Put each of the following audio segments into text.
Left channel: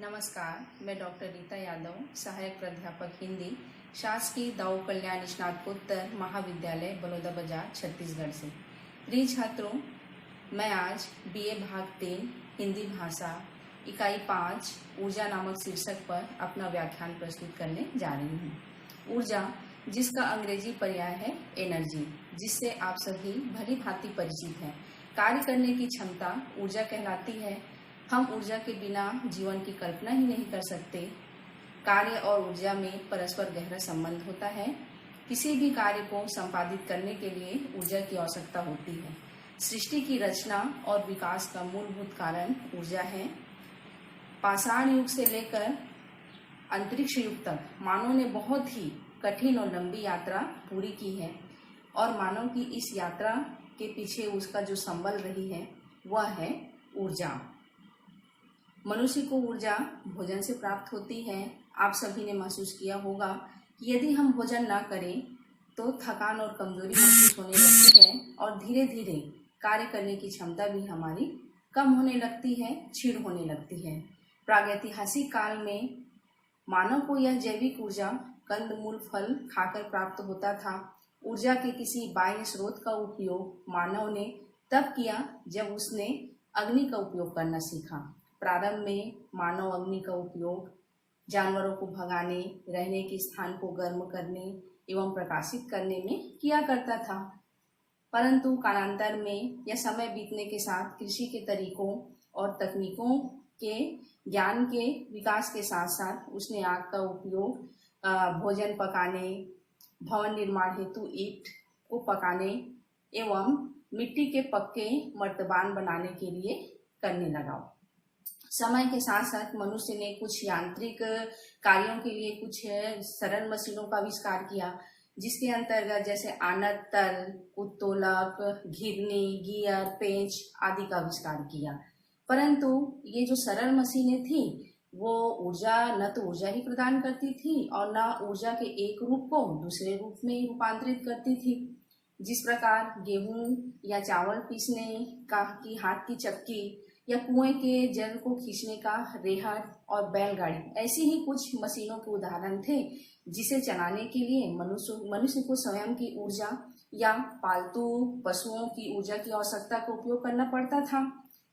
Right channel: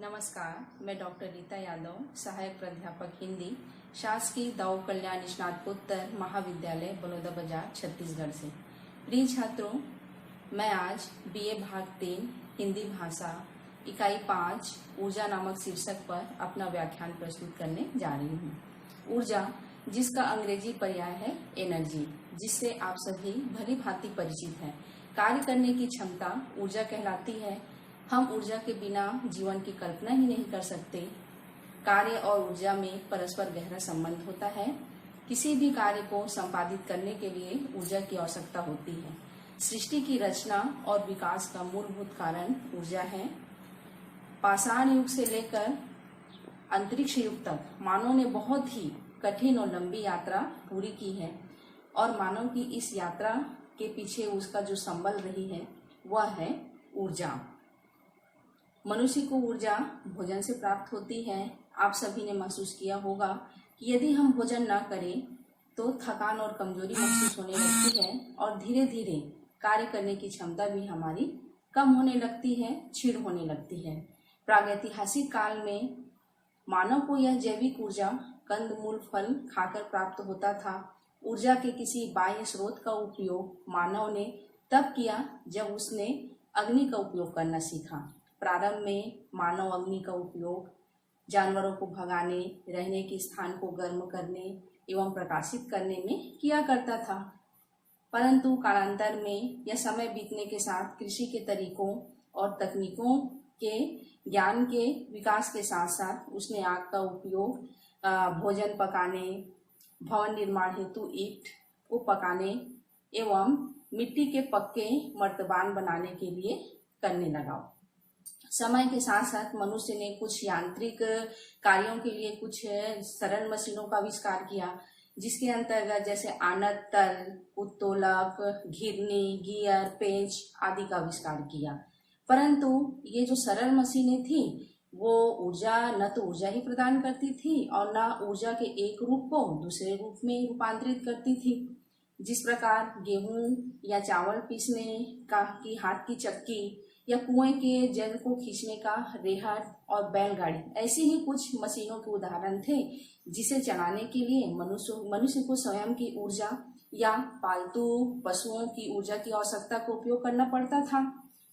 नमस्कार, मैं डॉक्टर रीता यादव, सहायक प्राध्यापक हिंदी, शासकीय दाऊ कल्याण स्नातकोत्तर महाविद्यालय बलौदा बाजार छत्तीसगढ़ से। प्रिय छात्रों, मैं आज बीए भाग 3 हिंदी भाषा इकाई 5 ऊर्जा नामक शीर्षक पर अपना व्याख्यान प्रस्तुत करने जा रही हूँ। ऊर्जा, जिसका अंग्रेजी पर्याय है एनर्जी, जिससे आप सभी भली भांति परिचित हैं। कार्य करने की क्षमता ऊर्जा कहलाती है। हम ऊर्जा के बिना जीवन की कल्पना ही नहीं कर सकते। कार्य और ऊर्जा में परस्पर गहरा संबंध होता है। किसी भी कार्य को संपादित करने के लिए ऊर्जा की आवश्यकता होती है। सृष्टि की रचना और विकास का मूलभूत कारण ऊर्जा है। पाषाण युग से लेकर अंतरिक्ष युग तक मानव ने बहुत ही कठिन और लंबी यात्रा पूरी की है, और मानव की इस यात्रा के पीछे उसका जो संबल रही है वह है ऊर्जा। मनुष्य को ऊर्जा भोजन से प्राप्त होती है। आप सभी ने महसूस किया होगा कि यदि हम भोजन ना करें तो थकान और कमजोरी महसूस होने लगती है, और धीरे धीरे कार्य करने की क्षमता भी हमारी कम होने लगती है, क्षीण होने लगती है। प्रागैतिहासिक काल में मानव को यह जैविक ऊर्जा कंदमूल फल खाकर प्राप्त होता था। ऊर्जा के किसी बाह्य स्रोत का उपयोग मानव ने तब किया जब उसने अग्नि का उपयोग करना सीखा। प्रारंभ में मानव अग्नि का उपयोग जानवरों को भगाने, रहने के स्थान को गर्म करने एवं प्रकाशित करने में किया करता था, परंतु कालांतर में या समय बीतने के साथ कृषि के तरीकों और तकनीकों के ज्ञान के विकास के साथ साथ उसने आग का उपयोग भोजन पकाने, भवन निर्माण हेतु ईंट को पकाने एवं मिट्टी के पक्के मर्तबान बनाने के लिए करने लगा। समय के साथ साथ मनुष्य ने कुछ यांत्रिक कार्यों के लिए कुछ सरल मशीनों का आविष्कार किया, जिसके अंतर्गत जैसे आनत, तल, उत्तोलक, घिरनी, गियर, पेंच आदि का आविष्कार किया। परंतु ये जो सरल मशीनें थी वो ऊर्जा न तो ऊर्जा ही प्रदान करती थी और न ऊर्जा के एक रूप को दूसरे रूप में रूपांतरित करती थी। जिस प्रकार गेहूं या चावल पीसने की हाथ की चक्की या कुएं के जल को खींचने का रेहड़ और बैलगाड़ी, ऐसी ही कुछ मशीनों के उदाहरण थे जिसे चलाने के लिए मनुष्य को स्वयं की ऊर्जा या पालतू पशुओं की ऊर्जा की आवश्यकता का उपयोग करना पड़ता था।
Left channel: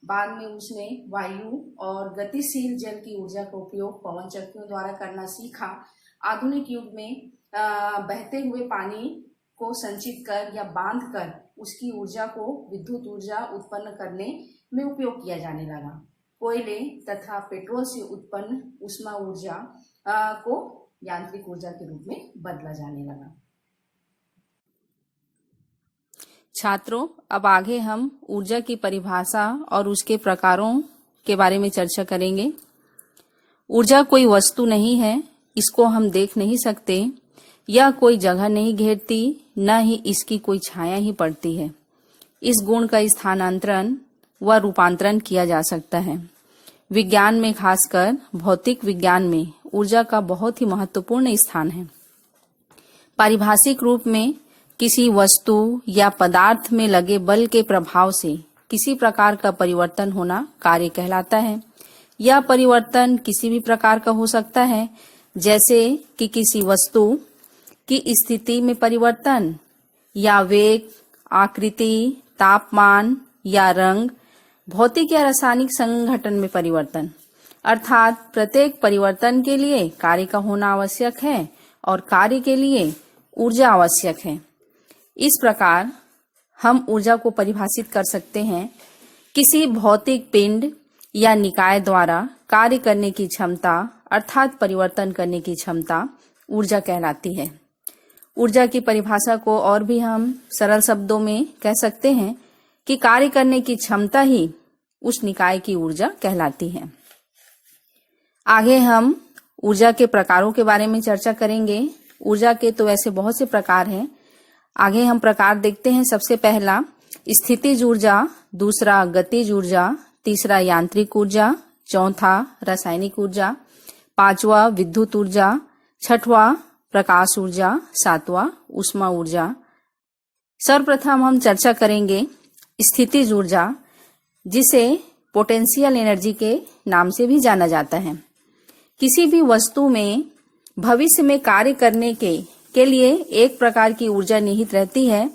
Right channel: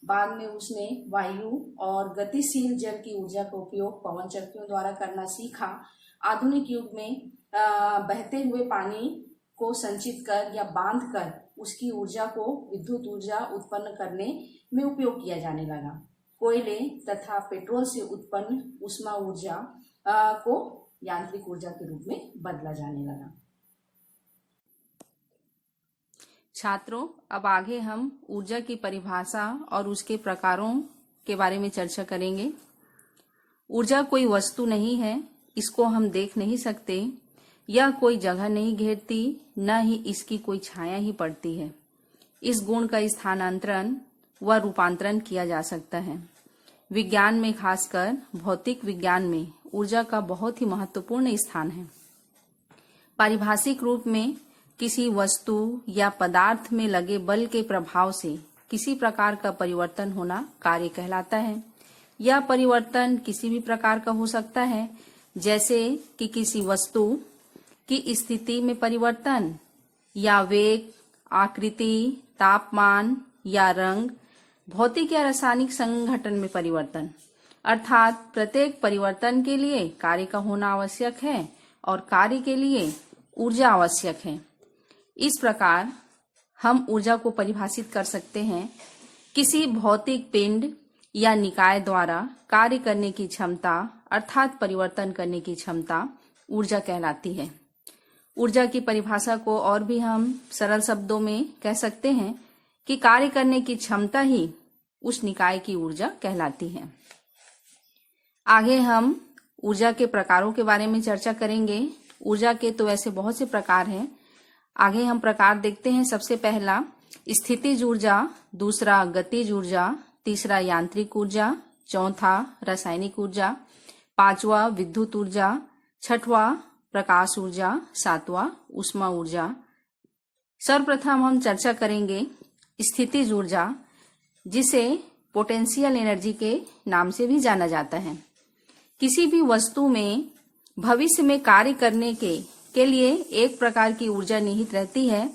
बाद में उसने वायु और गतिशील जल की ऊर्जा का उपयोग पवन चक्कियों द्वारा करना सीखा। आधुनिक युग में बहते हुए पानी को संचित कर या बांध कर उसकी ऊर्जा को विद्युत ऊर्जा उत्पन्न करने में उपयोग किया जाने लगा। कोयले तथा पेट्रोल से उत्पन्न ऊष्मा ऊर्जा को यांत्रिक ऊर्जा के रूप में बदला जाने लगा। छात्रों, अब आगे हम ऊर्जा की परिभाषा और उसके प्रकारों के बारे में चर्चा करेंगे। ऊर्जा कोई वस्तु नहीं है, इसको हम देख नहीं सकते, यह कोई जगह नहीं घेरती, न ही इसकी कोई छाया ही पड़ती है। इस गुण का स्थानांतरण व रूपांतरण किया जा सकता है। विज्ञान में, खासकर भौतिक विज्ञान में ऊर्जा का बहुत ही महत्वपूर्ण स्थान है। पारिभाषिक रूप में किसी वस्तु या पदार्थ में लगे बल के प्रभाव से किसी प्रकार का परिवर्तन होना कार्य कहलाता है। यह परिवर्तन किसी भी प्रकार का हो सकता है, जैसे कि किसी वस्तु की स्थिति में परिवर्तन या वेग, आकृति, तापमान या रंग, भौतिक या रासायनिक संघटन में परिवर्तन। अर्थात प्रत्येक परिवर्तन के लिए कार्य का होना आवश्यक है और कार्य के लिए ऊर्जा आवश्यक है। इस प्रकार हम ऊर्जा को परिभाषित कर सकते हैं। किसी भौतिक पिंड या निकाय द्वारा कार्य करने की क्षमता अर्थात परिवर्तन करने की क्षमता ऊर्जा कहलाती है। ऊर्जा की परिभाषा को और भी हम सरल शब्दों में कह सकते हैं कि कार्य करने की क्षमता ही उस निकाय की ऊर्जा कहलाती है। आगे हम ऊर्जा के प्रकारों के बारे में चर्चा करेंगे। ऊर्जा के तो वैसे बहुत से प्रकार हैं। आगे हम प्रकार देखते हैं। सबसे पहला स्थितिज ऊर्जा, दूसरा गतिज ऊर्जा, तीसरा यांत्रिक ऊर्जा, चौथा रासायनिक ऊर्जा, पांचवा विद्युत ऊर्जा, छठवां प्रकाश ऊर्जा, सातवां ऊष्मा ऊर्जा। सर्वप्रथम हम चर्चा करेंगे स्थितिज ऊर्जा, जिसे पोटेंशियल एनर्जी के नाम से भी जाना जाता है। किसी भी वस्तु में भविष्य में कार्य करने के लिए एक प्रकार की ऊर्जा निहित रहती है।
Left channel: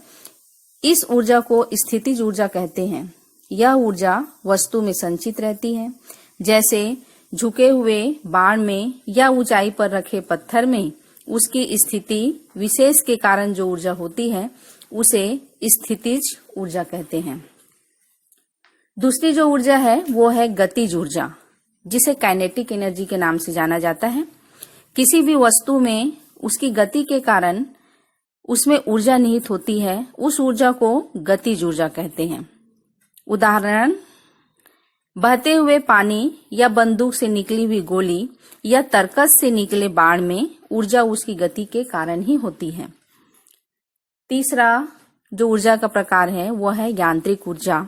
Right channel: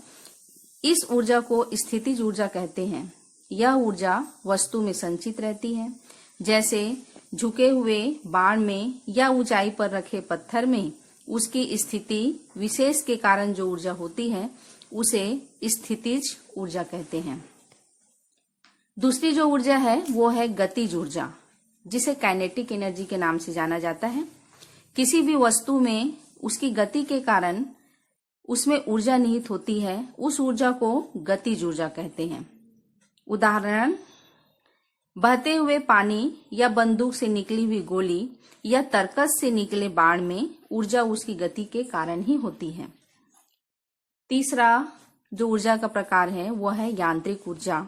इस ऊर्जा को स्थितिज ऊर्जा कहते हैं। यह ऊर्जा वस्तु में संचित रहती है, जैसे झुके हुए बाण में या ऊंचाई पर रखे पत्थर में उसकी स्थिति विशेष के कारण जो ऊर्जा होती है उसे स्थितिज ऊर्जा कहते हैं। दूसरी जो ऊर्जा है वो है गतिज ऊर्जा, जिसे काइनेटिक एनर्जी के नाम से जाना जाता है। किसी भी वस्तु में उसकी गति के कारण उसमें ऊर्जा निहित होती है, उस ऊर्जा को गतिज ऊर्जा कहते हैं। उदाहरण, बहते हुए पानी या बंदूक से निकली हुई गोली या तरकस से निकले बाण में ऊर्जा उसकी गति के कारण ही होती है। तीसरा जो ऊर्जा का प्रकार है वो है यांत्रिक ऊर्जा,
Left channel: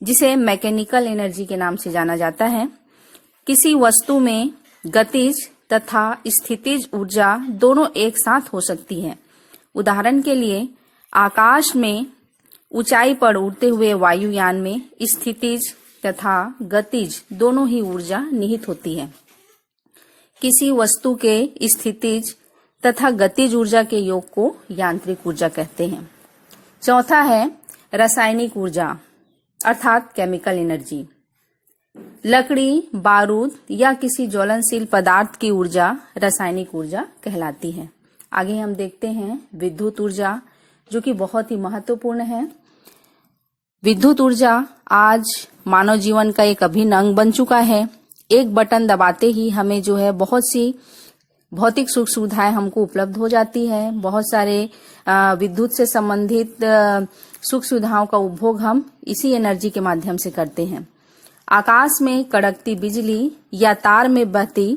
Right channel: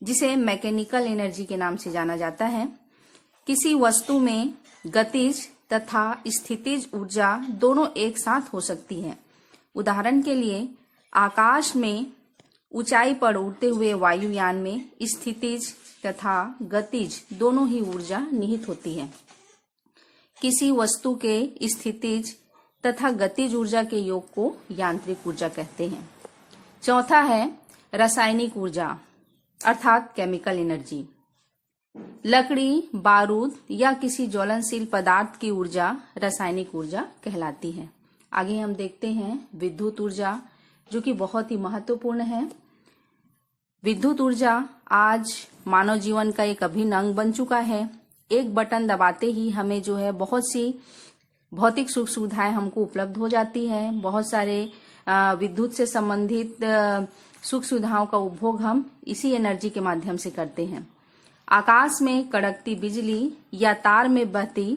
जिसे मैकेनिकल एनर्जी के नाम से जाना जाता है। किसी वस्तु में गतिज तथा स्थितिज ऊर्जा दोनों एक साथ हो सकती है। उदाहरण के लिए, आकाश में ऊंचाई पर उड़ते हुए वायुयान में स्थितिज तथा गतिज दोनों ही ऊर्जा निहित होती है। किसी वस्तु के स्थितिज तथा गतिज ऊर्जा के योग को यांत्रिक ऊर्जा कहते हैं। चौथा है रासायनिक ऊर्जा अर्थात केमिकल एनर्जी। लकड़ी, बारूद या किसी ज्वलनशील पदार्थ की ऊर्जा रासायनिक ऊर्जा कहलाती है। आगे हम देखते हैं विद्युत ऊर्जा, जो कि बहुत ही महत्वपूर्ण है। विद्युत ऊर्जा आज मानव जीवन का एक अभिन्न अंग बन चुका है। एक बटन दबाते ही हमें जो है बहुत सी भौतिक सुख सुविधाएं हमको उपलब्ध हो जाती है। बहुत सारे विद्युत से संबंधित सुख सुविधाओं का उपभोग हम इसी एनर्जी के माध्यम से करते हैं। आकाश में कड़कती बिजली या तार में बहती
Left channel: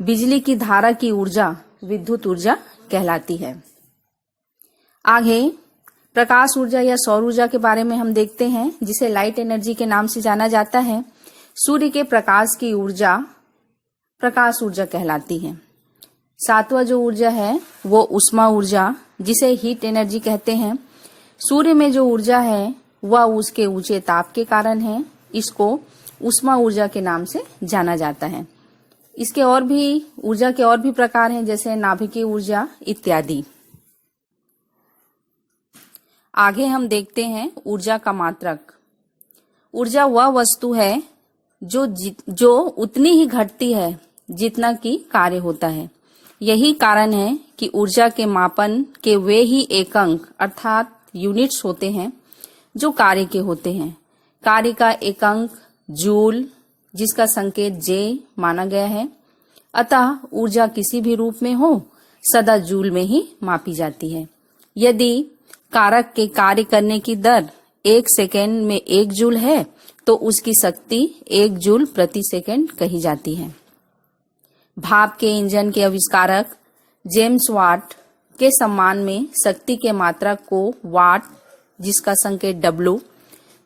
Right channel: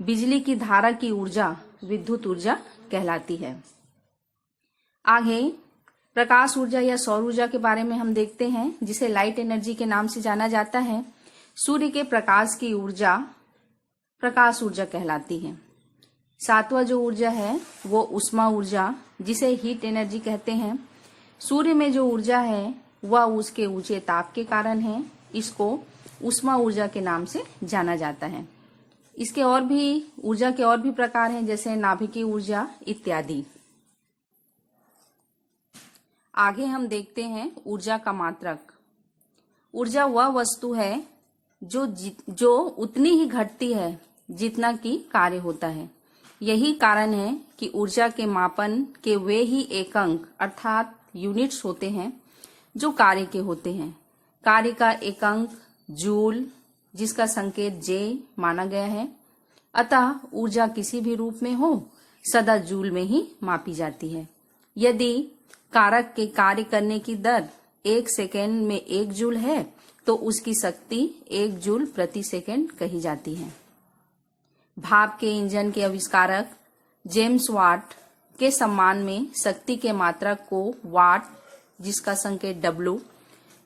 बिजली की धारा की ऊर्जा विद्युत ऊर्जा कहलाती है। आगे प्रकाश ऊर्जा या सौर ऊर्जा के बारे में हम देखते हैं, जिसे लाइट एनर्जी के नाम से जाना जाता है। सूर्य के प्रकाश की ऊर्जा प्रकाश ऊर्जा कहलाती है। सातवां जो ऊर्जा है वो उष्मा ऊर्जा, जिसे हीट एनर्जी कहते हैं। सूर्य में जो ऊर्जा है वह उसके ऊंचे ताप के कारण है। इसको उष्मा ऊर्जा के नाम से जाना जाता है। इसके और भी ऊर्जा के और भी प्रकार हैं, जैसे नाभिकीय ऊर्जा इत्यादि। आगे हम देखते हैं ऊर्जा का मात्रक। ऊर्जा वह वस्तु है जो उतनी ही घटती है जितना कि कार्य होता है। यही कारण है कि ऊर्जा के मापन के वे ही एकंक अर्थात यूनिट्स होते हैं जो कार्य के होते हैं। कार्य का एकंक जूल, जिसका संकेत जे माना गया है। अतः ऊर्जा किसी भी रूप में हो सदा जूल में ही मापी जाती है। यदि कारक के कार्य करने की दर 1 सेकेंड में 1 जूल है तो उसकी शक्ति 1 जूल प्रति सेकेंड कही जाती है। भाप के इंजन के आविष्कारक जेम्स वाट के सम्मान में शक्ति के मात्रक को वाट, जिसका संकेत W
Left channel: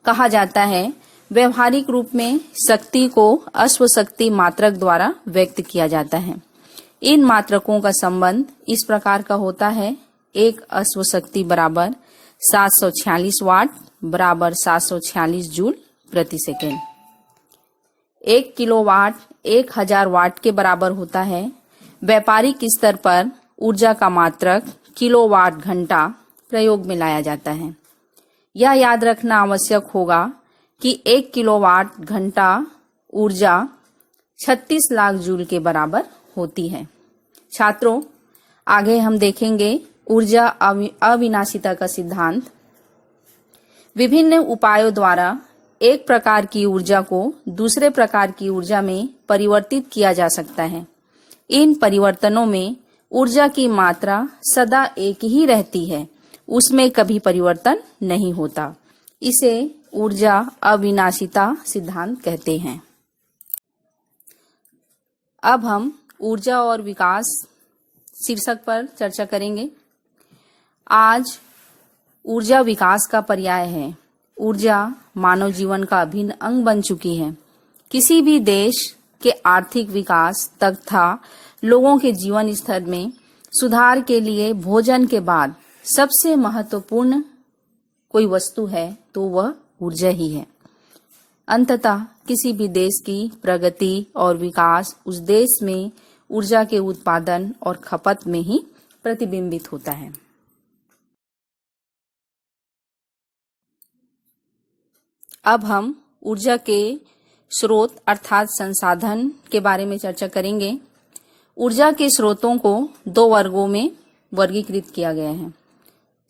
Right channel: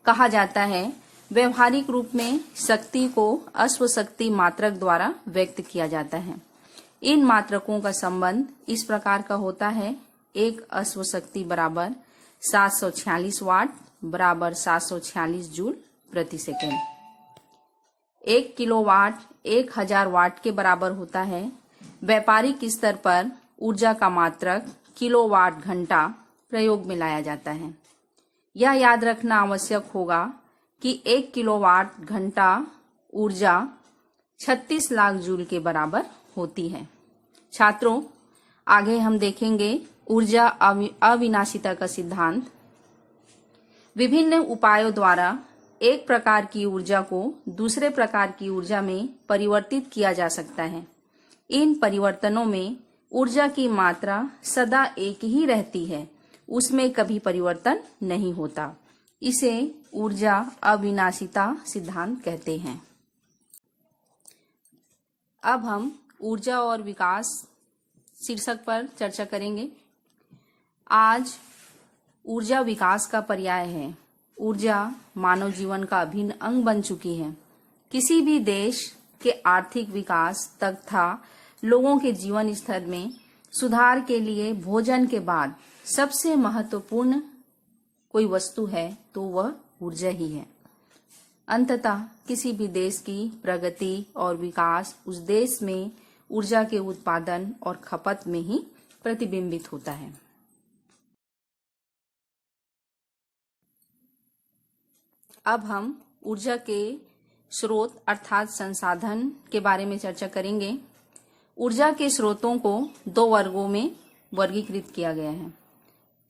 कहा जाता है। व्यवहारिक रूप में शक्ति को अश्व शक्ति मात्रक द्वारा व्यक्त किया जाता है। इन मात्रकों का संबंध इस प्रकार का होता है: एक अश्व शक्ति बराबर 746 वाट बराबर 746 जूल प्रति सेकेंड। 1 किलोवाट 1000 वाट के बराबर होता है। व्यापारिक स्तर पर ऊर्जा का मात्रक किलोवाट घंटा प्रयोग में लाया जाता है। यह याद रखना आवश्यक होगा कि 1 किलोवाट घंटा ऊर्जा 36 लाख जूल के बराबर होती है। छात्रों, आगे हम देखेंगे ऊर्जा अविनाशिता का सिद्धांत। विभिन्न उपायों द्वारा एक प्रकार की ऊर्जा को दूसरे प्रकार की ऊर्जा में परिवर्तित किया जा सकता है। इन परिवर्तनों में ऊर्जा की मात्रा सदा एक ही रहती है, उसमें कभी परिवर्तन नहीं होता। इसे ऊर्जा अविनाशिता सिद्धांत कहते हैं। अब हम ऊर्जा और विकास शीर्षक पर चर्चा करेंगे। आज ऊर्जा विकास का पर्याय है। ऊर्जा मानव जीवन का अभिन्न अंग बन चुकी है। किसी भी देश के आर्थिक विकास तथा लोगों के जीवन स्तर में सुधार के लिए भोजन के बाद सबसे महत्वपूर्ण कोई वस्तु है तो वह ऊर्जा ही है। अंततः किसी भी देश की प्रगति और विकास उस देश में ऊर्जा के उत्पादन और खपत में ही प्रतिबिंबित होता है। अब हम ऊर्जा के स्रोत अर्थात संसाधन के बारे में चर्चा करेंगे। ऊर्जा के स्रोतों को दो वर्गों में वर्गीकृत किया गया है।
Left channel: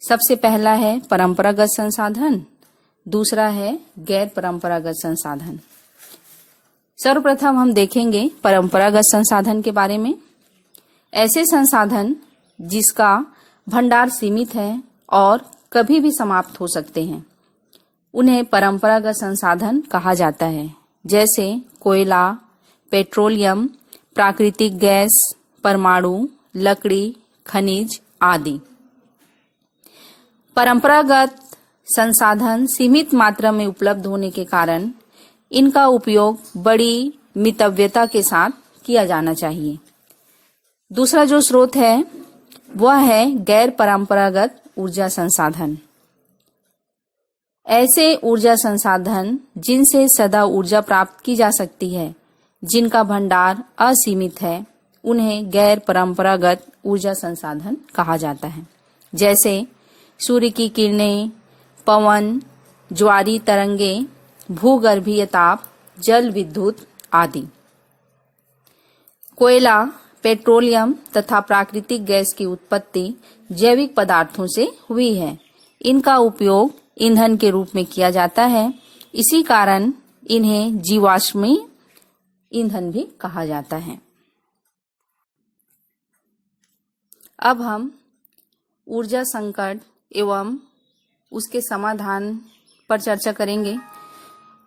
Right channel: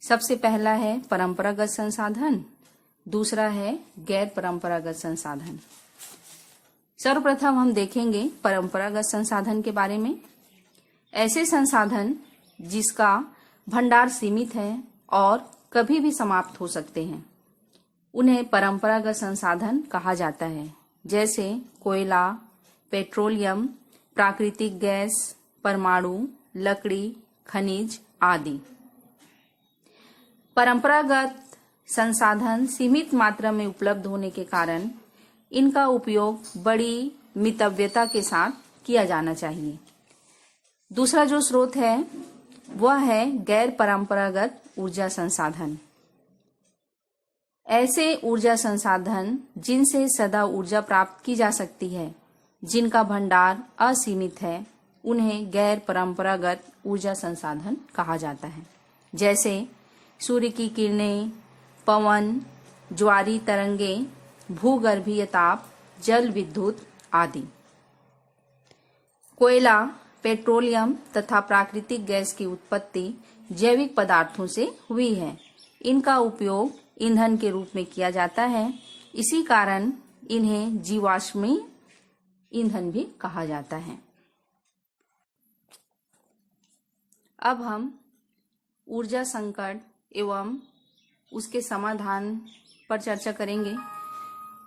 सबसे पहला है परंपरागत संसाधन, दूसरा है गैर परंपरागत संसाधन। सर्वप्रथम हम देखेंगे परंपरागत संसाधन के बारे में। ऐसे संसाधन जिसका भंडार सीमित है और कभी भी समाप्त हो सकते हैं, उन्हें परंपरागत संसाधन कहा जाता है, जैसे कोयला, पेट्रोलियम, प्राकृतिक गैस, परमाणु, लकड़ी, खनिज आदि। परंपरागत संसाधन सीमित मात्रा में उपलब्ध होने के कारण इनका उपयोग बड़ी मितव्यता के साथ किया जाना चाहिए। दूसरा जो स्रोत है वह है गैर परंपरागत ऊर्जा संसाधन। ऐसे ऊर्जा संसाधन जिनसे सदा ऊर्जा प्राप्त की जा सकती है, जिनका भंडार असीमित है, उन्हें गैर परंपरागत ऊर्जा संसाधन कहा जाता है, जैसे सूर्य की किरणें, पवन, ज्वारीय तरंगे, भूगर्भीय ताप, जल विद्युत आदि। कोयला, पेट्रोलियम तथा प्राकृतिक गैस की उत्पत्ति जैविक पदार्थों से हुई है। इनका उपयोग ईंधन के रूप में किया जाता है, इसी कारण इन्हें जीवाश्मी ईंधन भी कहा जाता है। अब हम ऊर्जा संकट एवं उसके समाधान पर चर्चा करेंगे।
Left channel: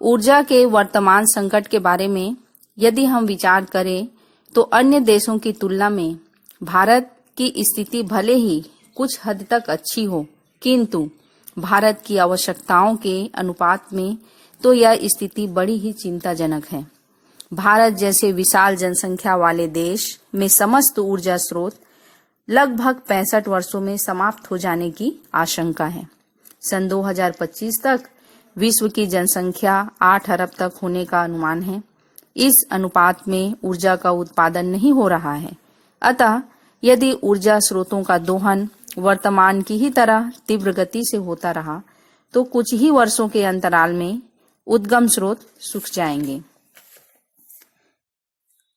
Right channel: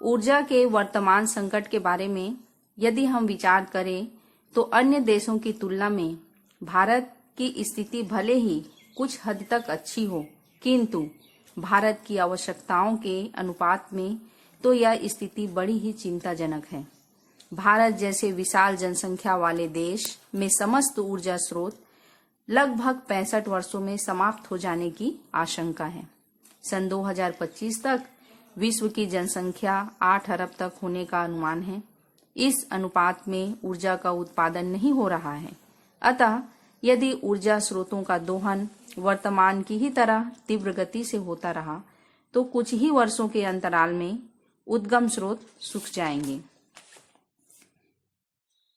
ऊर्जा के वर्तमान संकट के बारे में यदि हम विचार करें तो अन्य देशों की तुलना में भारत की स्थिति भले ही कुछ हद तक अच्छी हो, किंतु भारत की आवश्यकताओं के अनुपात में तो यह स्थिति बड़ी ही चिंताजनक है। भारत जैसे विशाल जनसंख्या वाले देश में समस्त ऊर्जा स्रोत लगभग 65 वर्षों में समाप्त हो जाने की आशंका है। सन 2025 तक विश्व की जनसंख्या 8 अरब तक होने का अनुमान है। इस अनुपात में ऊर्जा का उत्पादन नहीं हो रहा है। अतः यदि ऊर्जा स्रोतों का दोहन वर्तमान की ही तरह तीव्र गति से होता रहा तो कुछ ही वर्षों के अंतराल में उद्गम स्रोत सूख जाएंगे।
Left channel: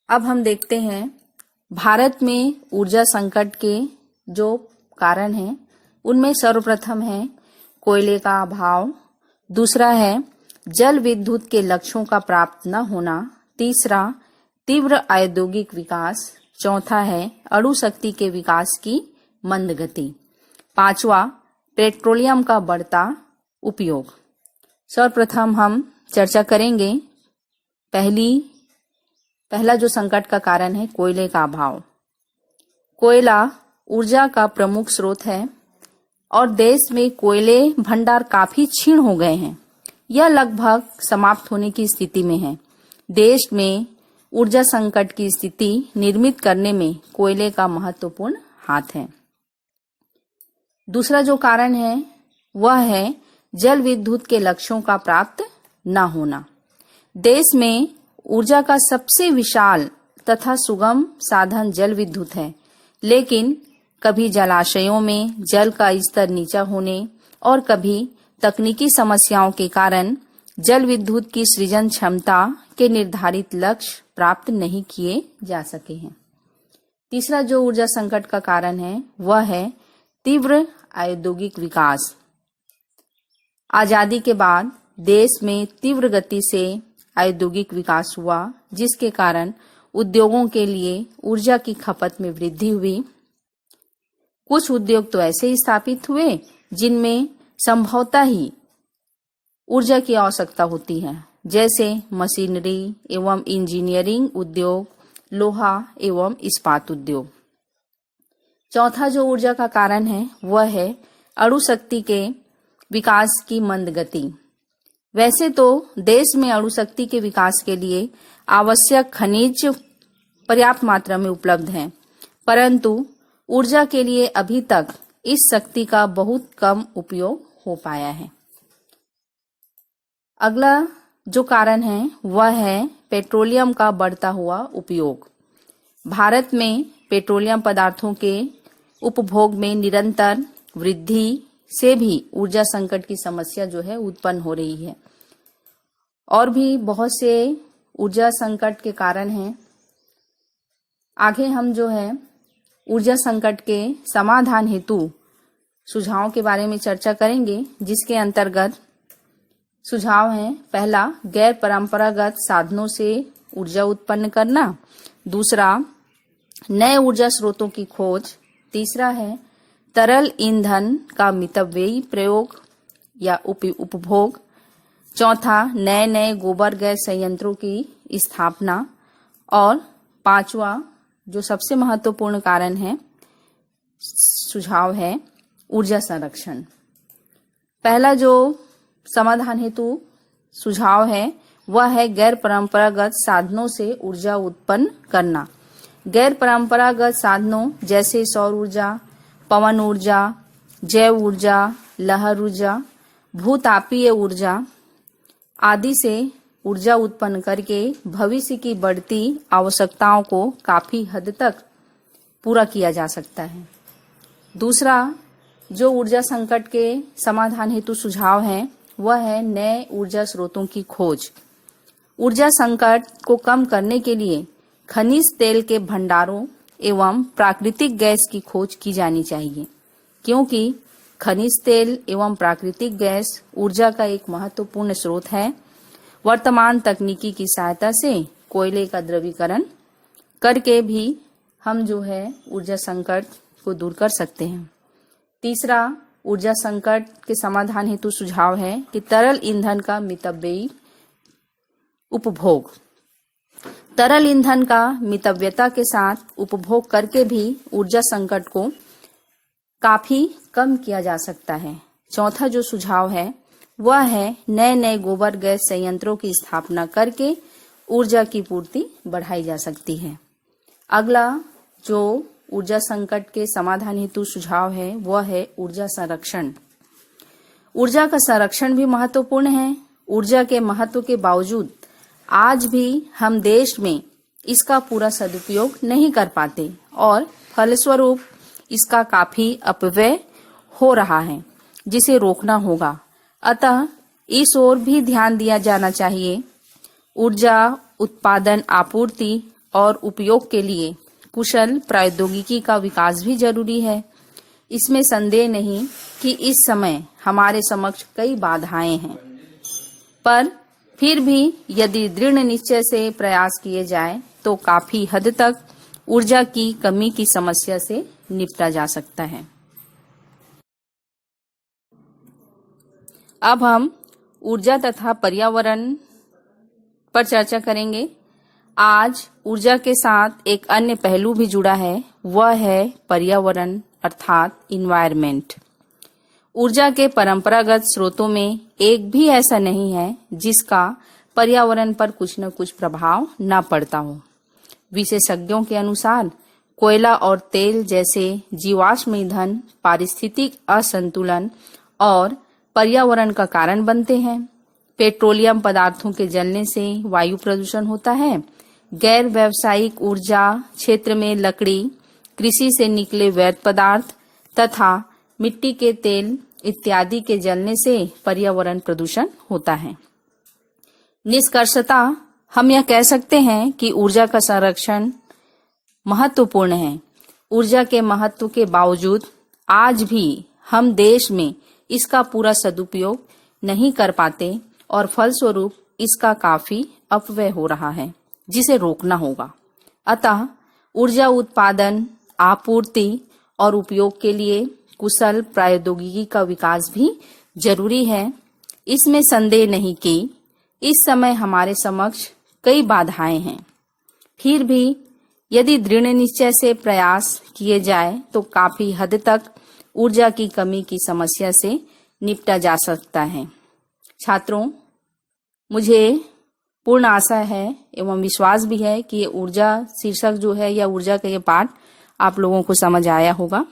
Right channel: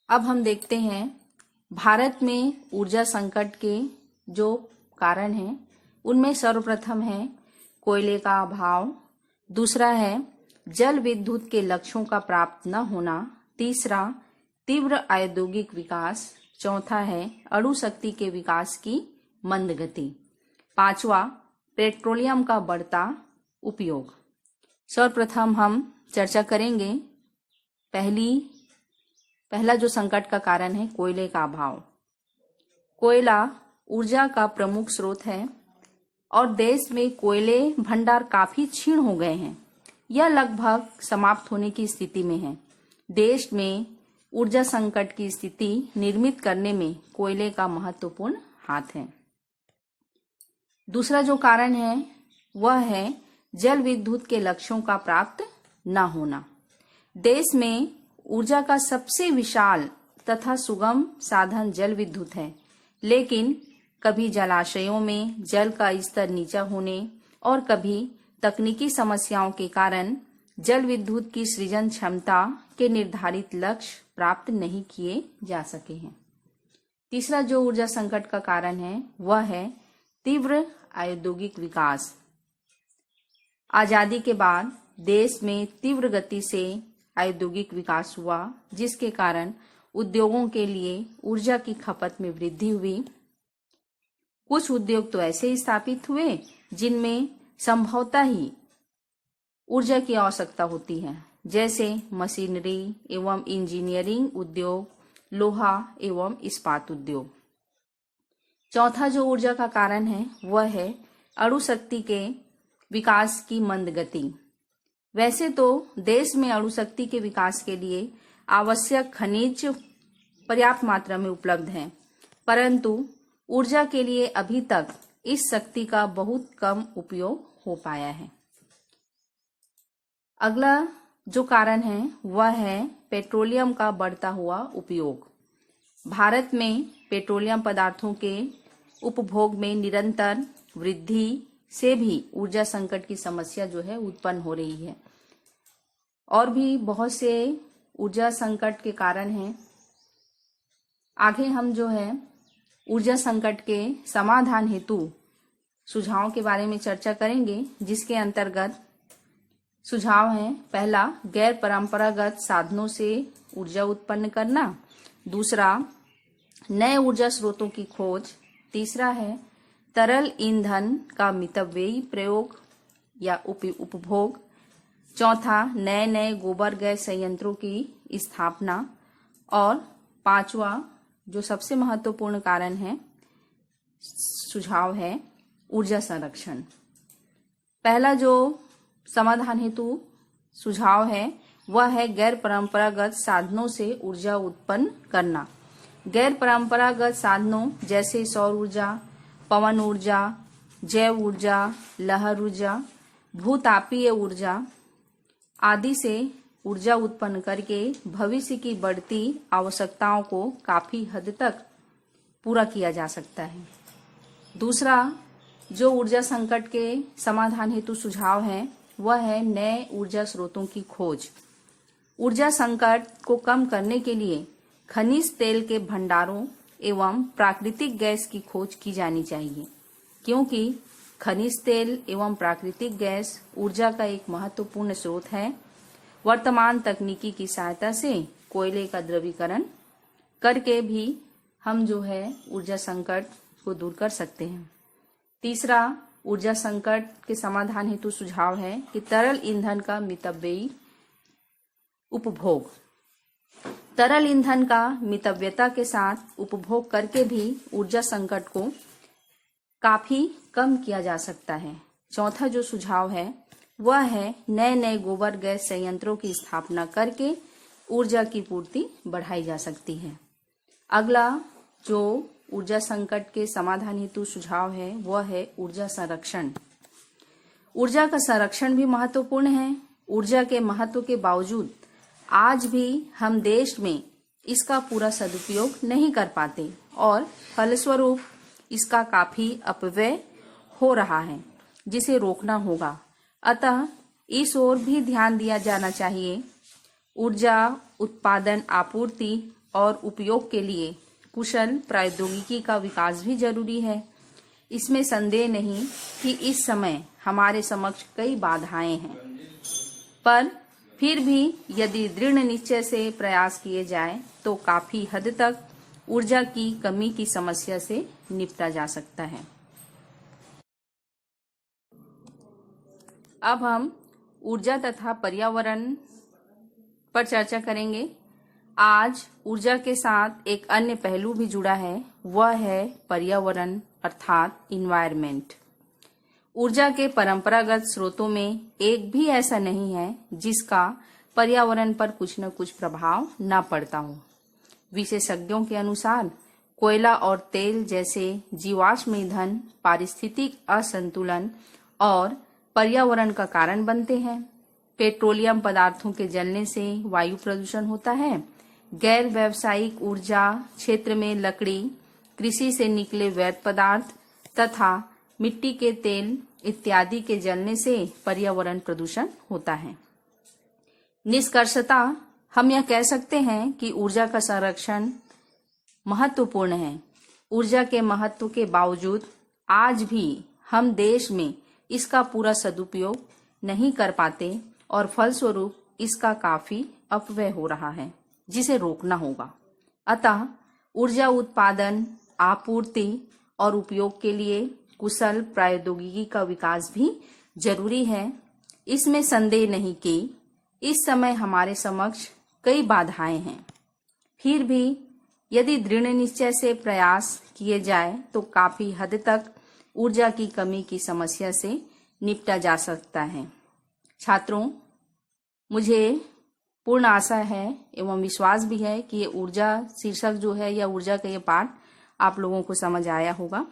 अब हम देखते हैं भारत में ऊर्जा संकट के जो कारण हैं, उनमें सर्वप्रथम है कोयले का अभाव, दूसरा है जल विद्युत के लक्ष्यों का प्राप्त न होना, तीसरा तीव्र औद्योगिक विकास, चौथा है अणु शक्ति के विकास की मंद गति, पांचवा पेट्रोलियम का बढ़ता उपयोग। सर्वप्रथम हम चर्चा करेंगे पहला जो संकट का कारण है कोयले का अभाव। कोयला ऊर्जा का प्रमुख स्रोत है और देश में कोयले भंडार काफी क्षीण हो गए हैं। यह लगभग समाप्त होने की स्थिति में है। देश में ऊर्जा संकट की स्थिति निर्मित करने में कोयले का महत्वपूर्ण हाथ है। दूसरा जो कारण है वह है जल विद्युत के लक्ष्यों का प्राप्त न होना। देश में ऊर्जा का सबसे विशाल तथा सुगम साधन जल विद्युत है, लेकिन कभी जलाशयों में जल का स्तर नीचा होने और कभी तकनीकी समस्याओं के कारण जल विद्युत की सृजन क्षमता के निर्धारित लक्ष्य प्राप्त नहीं किए जा सके हैं। तीसरा जो ऊर्जा संकट का कारण है वह है तीव्र औद्योगिक विकास। आजादी के बाद देश में तीव्र गति से औद्योगिक विकास हुआ, जिसके कारण उद्योगों के लिए ऊर्जा की खपत में वृद्धि हुई। कुछ उद्योग तो ऐसे स्थापित हुए जिनमें संभवतः ही ऊर्जा की आवश्यकता होती है, जैसे मशीनरी एवं इंजीनियरिंग उद्योग, लोहा एवं इस्पात उद्योग। चौथा जो ऊर्जा का कारण है वह है अणु शक्ति के विकास की मंद गति। वैसे तो देश में अणु शक्ति के विकास के लिए आवश्यक खनिज पर्याप्त मात्रा में उपलब्ध हैं, परंतु ऊर्जा के लिए अभी तक इस शक्ति का बहुत कम उपयोग हो पाया है। अगला जो कारण है वह है पेट्रोलियम का बढ़ता हुआ उपयोग। भारत में पेट्रोलियम पदार्थों के उपभोग में निरंतर वृद्धि से भी ऊर्जा संकट की समस्या जो है उत्पन्न हो रही है। और भी बहुत से ऊर्जा संकट के कारण हैं। आगे हम जो है ऊर्जा संकट के समाधान हेतु सुझावों के बारे में चर्चा करेंगे, जिसके अंतर्गत सुझाव हैं: पहला, गैर परंपरागत साधनों से ऊर्जा उत्पन्न करना। दूसरा, नए ऊर्जा स्रोतों की खोज। तीसरा है तरल ईंधन का मितव्ययी प्रयोग या उपभोग। चौथा, नए नए गोबर गैस संयंत्रों की स्थापना। और पांचवा, जो सबसे महत्वपूर्ण कारण है, सुझाव है ऊर्जा संरक्षण। पहला जो समाधान हेतु सुझाव है वह है गैर परंपरागत साधनों से ऊर्जा उत्पन्न करना। गैर परंपरागत साधनों जैसे सौर ऊर्जा, पवन ऊर्जा, जैव ऊर्जा, लहर ऊर्जा, भूतापीय ऊर्जा आदि से ऊर्जा उत्पन्न करके भविष्य की बढ़ती आवश्यकताओं को काफी हद तक पूरा किया जा सकता है। दूसरा जो ऊर्जा संकट के समाधान हेतु सुझाव है वह है नए ऊर्जा स्रोतों की खोज। ऊर्जा संकट को कम करने के लिए खनिज तेल के भंडारों एवं प्राकृतिक गैस की खोज की जानी चाहिए, क्योंकि खनिज तेल एवं प्राकृतिक गैस ऊर्जा का एक महत्वपूर्ण स्रोत है। वर्तमान तकनीकी की सहायता से कोयले का द्रवीकरण करके भी हम जो है ऊर्जा संकट को दूर कर सकते हैं। तीसरा ऊर्जा संकट के समाधान हेतु सुझाव है कि तरल ईंधन का मितव्ययी उपभोग। तरल ईंधन का मितव्यता के साथ उपभोग करके भी ऊर्जा संकट को काफी कम किया जा सकता है। चौथा जो सुझाव है वह है नए नए गोबर गैस संयंत्रों की स्थापना करके ऊर्जा की पूर्ति बढ़ाई जा सकती है। अगला जो ऊर्जा संकट के समाधान हेतु सुझाव है वह है ऊर्जा संरक्षण। ऊर्जा का संरक्षण भी महत्वपूर्ण है। ऊर्जा के महत्व के बावजूद आज भी हम देश में इसका पूरा सदुपयोग नहीं कर पाते और फलस्वरूप इसका काफी अपव्यय हो रहा है, जिसे रोकना होगा। अतः इस ओर भी ध्यान दिया जाना चाहिए। ऊर्जा उत्पादन, आपूर्ति और उपयोग के लिए कुशल प्रौद्योगिकी का विकास भी जरूरी है। इसमें संदेह नहीं कि इस समय हमारे समक्ष कई बाधाएं हैं, पर फिर भी यदि दृढ़ निश्चय से प्रयास किए जाए तो काफी हद तक ऊर्जा की कमी की समस्या से निपटा जा सकता है। अब हम ऊर्जा तथा पर्यावरण पर चर्चा करेंगे। आज ऊर्जा के साथ एक अन्य पहलू भी जुड़ा है, वह है पर्यावरण अर्थात इन्वायरमेंट। ऊर्जा के परंपरागत स्रोतों में एक भी ऐसा नहीं है जिसका पर्यावरण पर कुछ न कुछ प्रभाव न पड़ता हो। विशेषज्ञों के अनुसार कोयला और तेल जैसे जीवाश्म ईंधन पारिस्थितिक असंतुलन और पर्यावरण का कारण बनते हैं। पेट्रोलियम पदार्थों के जलने से वायु प्रदूषण होता है। गैर व्यावसायिक ऊर्जा क्षेत्र में लकड़ी, कृषि से निकले व्यर्थ पदार्थ तथा मिट्टी के तेल इत्यादि के जलने से पर्यावरण प्रदूषण होता है। निष्कर्षतः हम यह कह सकते हैं कि ऊर्जा का संरक्षण महत्वपूर्ण है। ऊर्जा के महत्व के बावजूद आज भी हम देश में इसका पूरा सदुपयोग नहीं कर पाते और फलस्वरूप इसका काफी अपव्यय हो रहा है, जिसे रोकना होगा। अतः ऊर्जा उत्पादन, आपूर्ति और उपयोग के लिए कुशल प्रौद्योगिकी का विकास भी जरूरी है। इसमें संदेह नहीं कि इस समय हमारे समक्ष कई बाधाएं हैं, फिर भी यदि दृढ़ निश्चय से प्रयास किए जाए तो काफी हद तक ऊर्जा की कमी की समस्या से निपटा जा सकता है। छात्रों, मुझे पूर्ण आशा है एवं विश्वास भी है कि ये ऊर्जा शीर्षक जो है या ऊर्जा का ये पाठ आप लोगों को समझ आया होगा।